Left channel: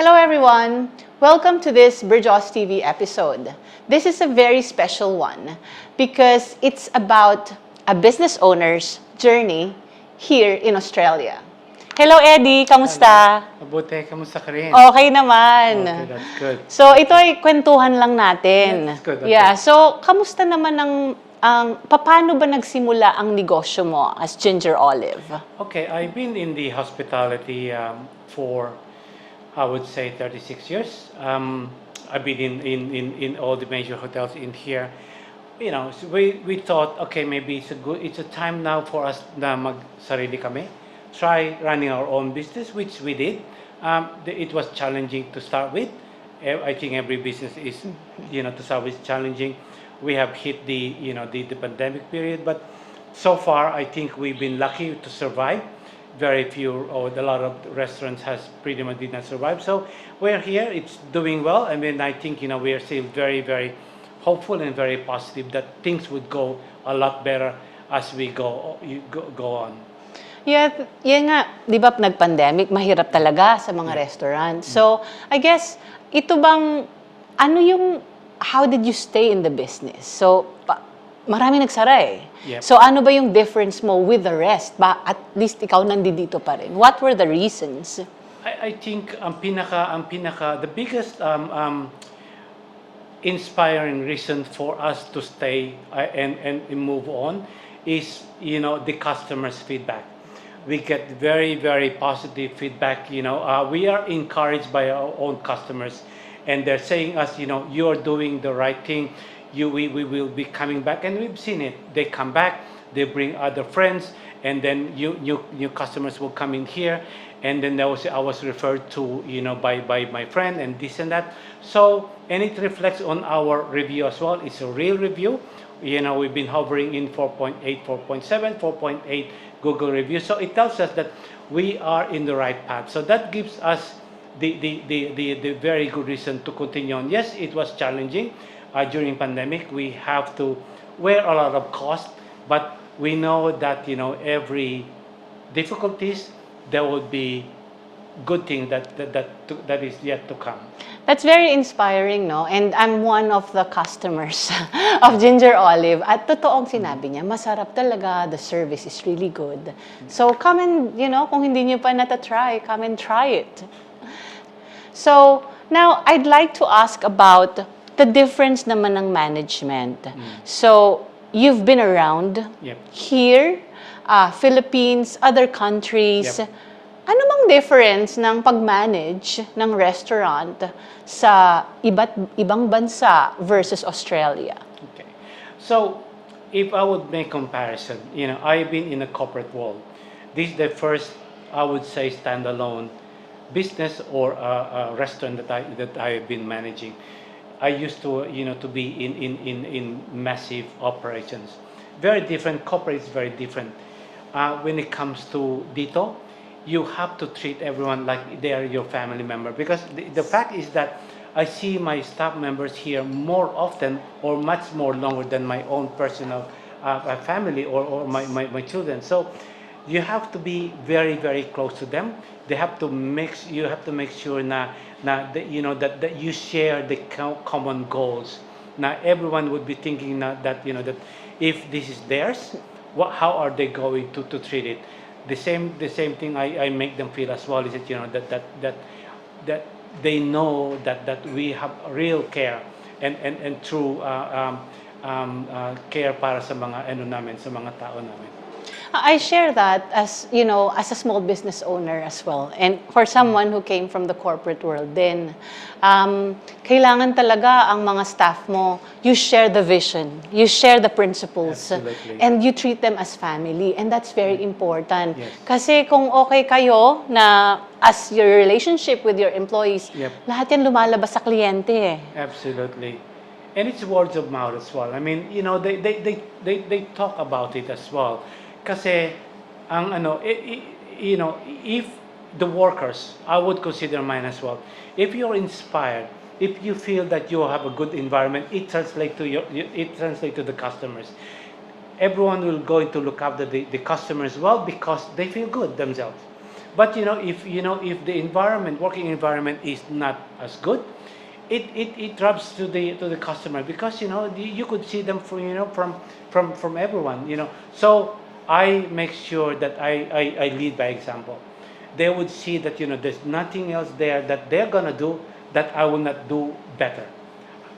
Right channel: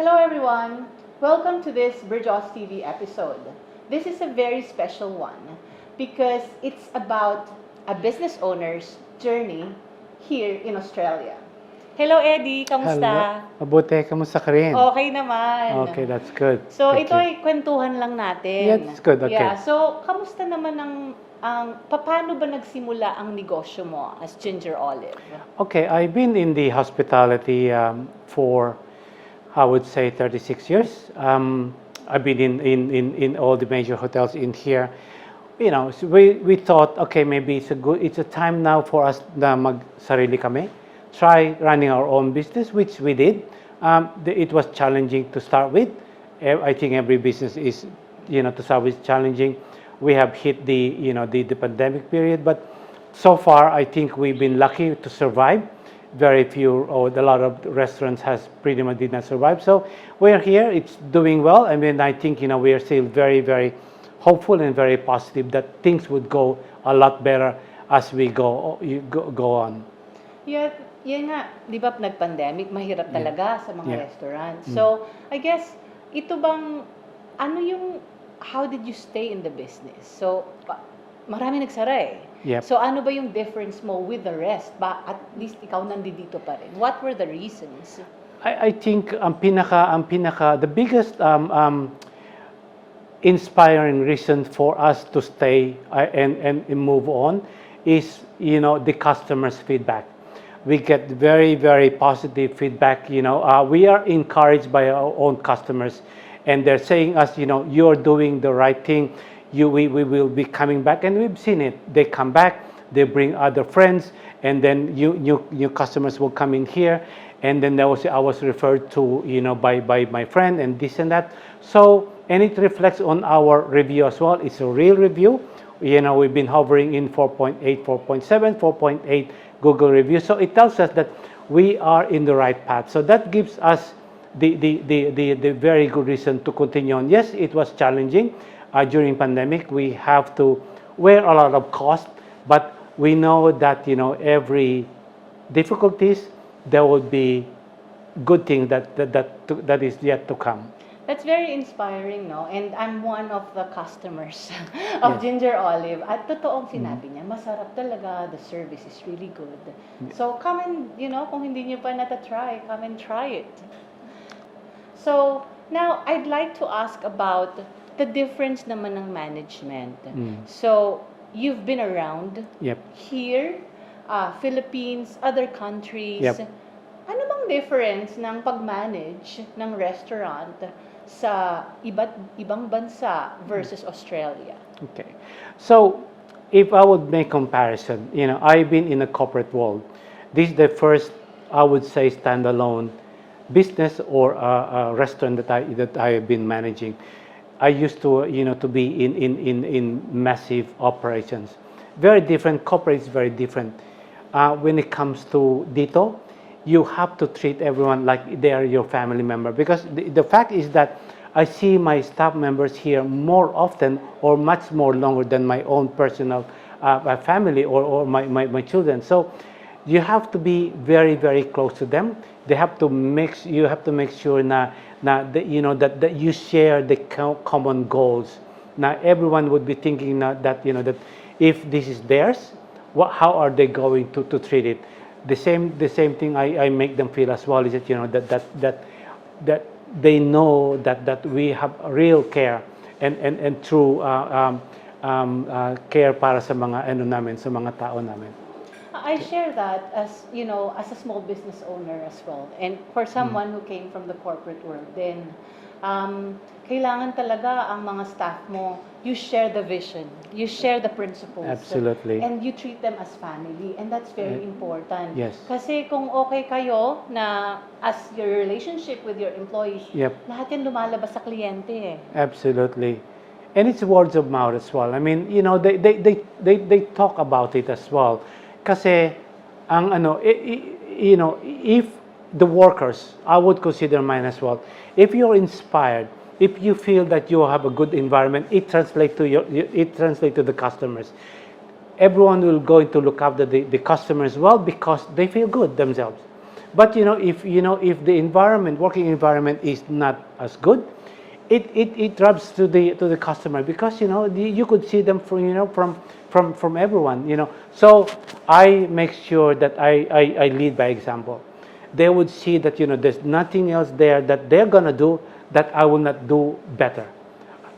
Hello everyone! Welcome to this Bridgeos TV episode. This is a very special one because it's about a business owner's journey here in Australia. Hello Eddie! Kamusta? Hello. Mabuti, kamusta ka rin? Okay naman. Okay, that's good. So ito ay kwentuhan lang natin. That's good, okay. Yeah, so kamusta naman paano ba nagsimula ang negosyo mo as Ginger Olive? Okay, I've been in the hospitality for, I would say, 36 years. I've been in all the major hotels in here. You know, so we thought, okay, maybe it's a time now for us na mag-sarili kami. Try running our own business, which we did. It was challenging to start with. I think every business is, to start with, challenging. We have hit the pandemic period, but so far I think we've been lucky to survive. Very few, or a lot of restaurants has pretty much did not survive. So we're here, it's doing well. I mean, I think, we are still very, very hopeful and very positive that things would go a lot better as we go on. Yeah, yan nga, di ba nag-pandemic, mahirap talaga sa mga restaurants. So, I guess, how did you stay in the business? So, marami nagsara eh. Yep. So, ano ba yung difference mo with the rest? At least ikaw nandito pa rin. What were the reasons? I think the biggest inspiring reason for us to stay and move on is, the customers' feedback. We get very, very positive feedback. We are encouraged by our own customers, and they're saying us, you are doing the right thing. We will be coming back, and we've seen it. They come back, they bring other friends, and then new customers will come in here, and then I was referred to, by my friend and this and that. So, and it reflects on our review as well. It's a real review. We've been hovering in 4.8, 4.7, 4.8 Google reviews. So it tells us that we are in the right path. So that gives us the very good reason to continue on. Yes, it was challenging during pandemic. We have to wear a lot of cost, but we know that every difficulties there will be good thing that is yet to come. That's very inspiring, no? And I'm one of the customers of Ginger Olive. At totoong sinabi niya, masarap talaga. The service is really good. So come and, kung hindi niyo pa nata-try, come and try it. So now, I'd like to ask about the difference naman ng management. So you've been around here, Philippines, other countries. Yep. Ano bang difference ng pag-manage ng restaurant sa ibang bansa versus Australia? Okay. So, if I would make comparison, I've been in the corporate world. This is the first, I would say, standalone business or a restaurant that I have been managing. I used to, to be in massive operations. Very different. Corporate is very different. When it comes to dito, you have to treat everyone like they are your family member, because the fact is that I see my staff members here more often or much more longer than my own personal family or my children. So you have to be very, very close to them. You have to make sure that you share the common goals. Now everyone would be thinking that if this is theirs, how are they going to treat it? The same thing I make them feel as well is that that they know that we have real care and true care para sa mga sa mga tao namin. I share that as a small business owner as well, and for someone who came from the corporate world. Then kailangan talaga ang mga staff mo, you share the vision, you share the principles. Absolutely. And you treat them as family, and that's very important. Yes. Kasi kung okay kayo na as your relationship with your employees, lahat yan lumalabas sa kliyente eh. Absolutely. And it's words of mouth as well. I mean, they talk about it as well. Kasi ang you know, if the workers, I would consider mine as well. If you're inspired, if you feel that you have a good environment, it translates to it translates to the customers. Everyone will go to look after the customers well because they feel good themselves. But if the environment, working environment is not as good, it rubs to the customer because you could see them from everyone. So I make sure that I lead by example. They would see that there's nothing else there that they're gonna do that I will not do better.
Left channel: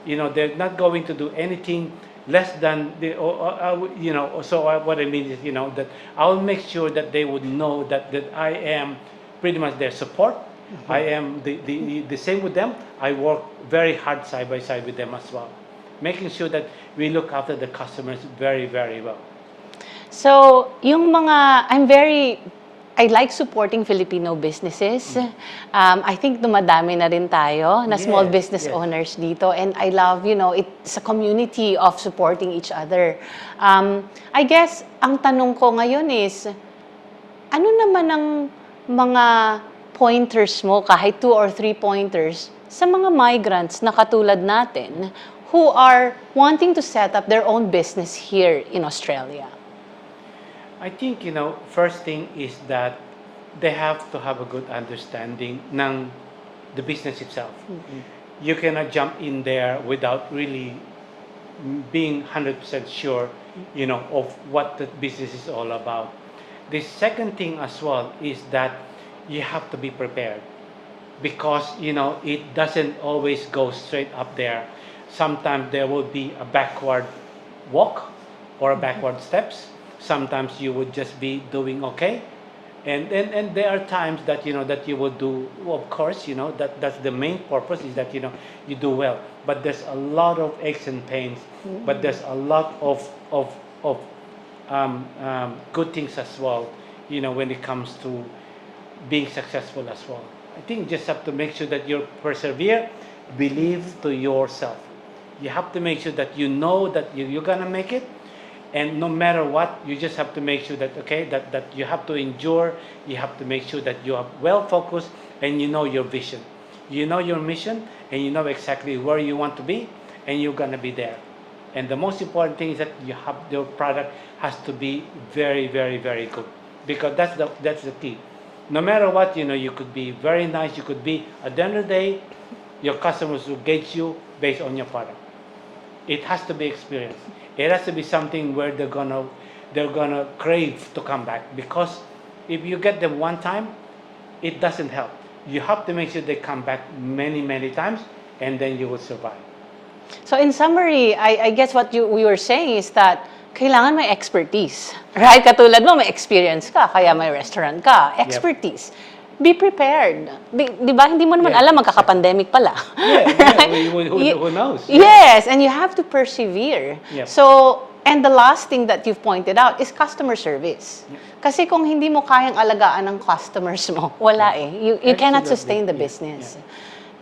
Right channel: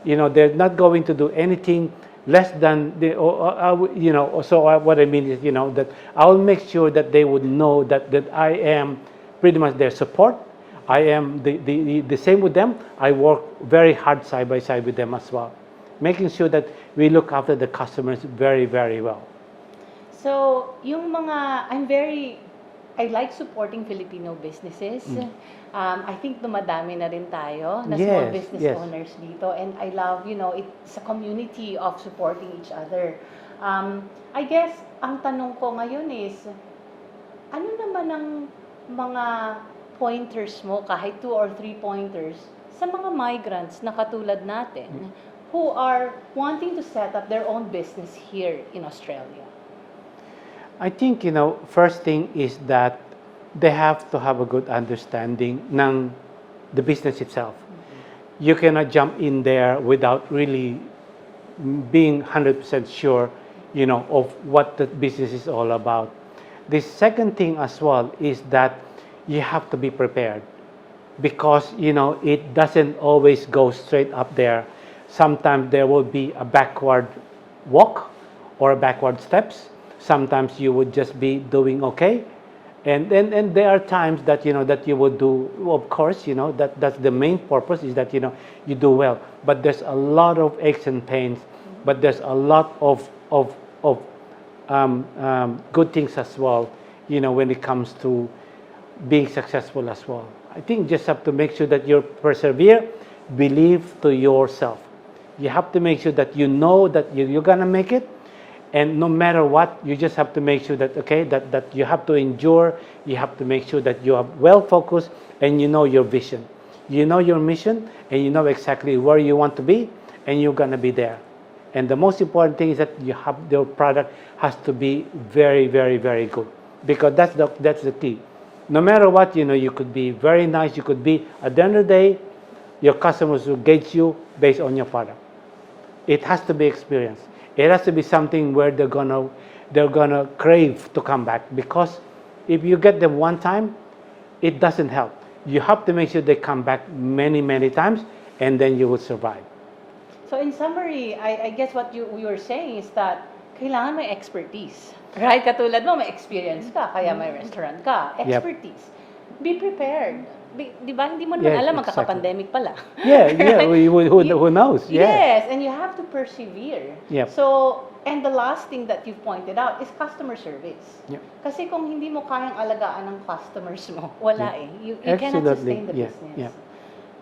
They're not going to do anything less than what I mean is that I'll make sure that they would know that I am pretty much their support. I am the same with them. I work very hard side by side with them as well, making sure that we look after the customers very, very well. So, I like supporting Filipino businesses. I think dumadami na rin tayo na small Yes, business yes. owners dito. And I love, it's a community of supporting each other. I guess, ang tanong ko ngayon is, ano naman ang mga pointers mo, kahit 2 or 3 pointers, sa mga migrants na katulad natin who are wanting to set up their own business here in Australia? I think, first thing is that they have to have a good understanding ng the business itself. You cannot jump in there without really being 100% sure, of what the business is all about. The second thing as well is that you have to be prepared because, it doesn't always go straight up there. Sometimes there will be a backward walk or a backward steps. Sometimes you would just be doing okay, and there are times that that you would do. Of course, that's the main purpose is that you do well. But there's a lot of aches and pains. But there's a lot of good things as well. When it comes to being successful as well. I think just have to make sure that you persevere, believe to yourself. You have to make sure that that you're gonna make it. And no matter what, you just have to make sure that that you have to endure. You have to make sure that you are well focused and you know your vision, you know your mission, and you know exactly where you want to be, and you're gonna be there. And the most important thing is that your product has to be very, very, very good because that's the key. No matter what, you could be very nice. You could be at the end of the day, your customers will gauge you based on your product. It has to be experienced. It has to be something where they're gonna crave to come back because if you get them one time, it doesn't help. You have to make sure they come back many, many times, and then you will survive. So in summary, I guess what we were saying is that kailangan may expertise. Right? Katulad mo, may experience ka, kaya may restaurant ka. Expertise. Be prepared. Di ba? Hindi mo naman alam, magkaka-pandemic pala. Who knows? Yes, and you have to persevere. Yep. So, and the last thing that you've pointed out is customer service. Yep. Kasi kung hindi mo kayang alagaan ng customers mo, wala eh. You cannot sustain the business.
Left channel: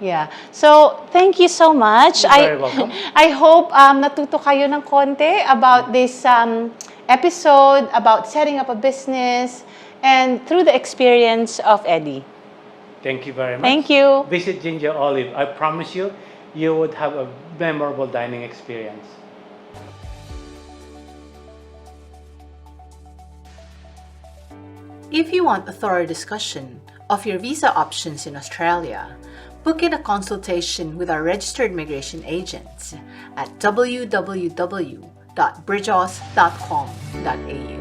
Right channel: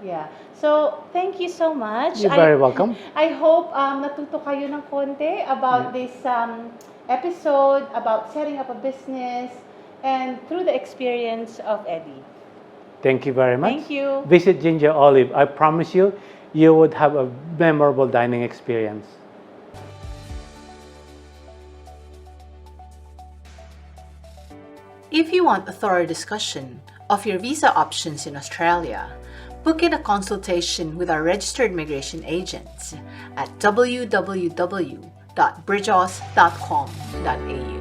Yeah. So, thank you so much. You're very welcome. I hope natuto kayo ng konti about this episode, about setting up a business, and through the experience of Eddie. Thank you very much. Thank you. Visit Ginger Olive. I promise you, you would have a memorable dining experience. If you want a thorough discussion of your visa options in Australia, book in a consultation with our registered migration agents at www.bridgeos.com.au.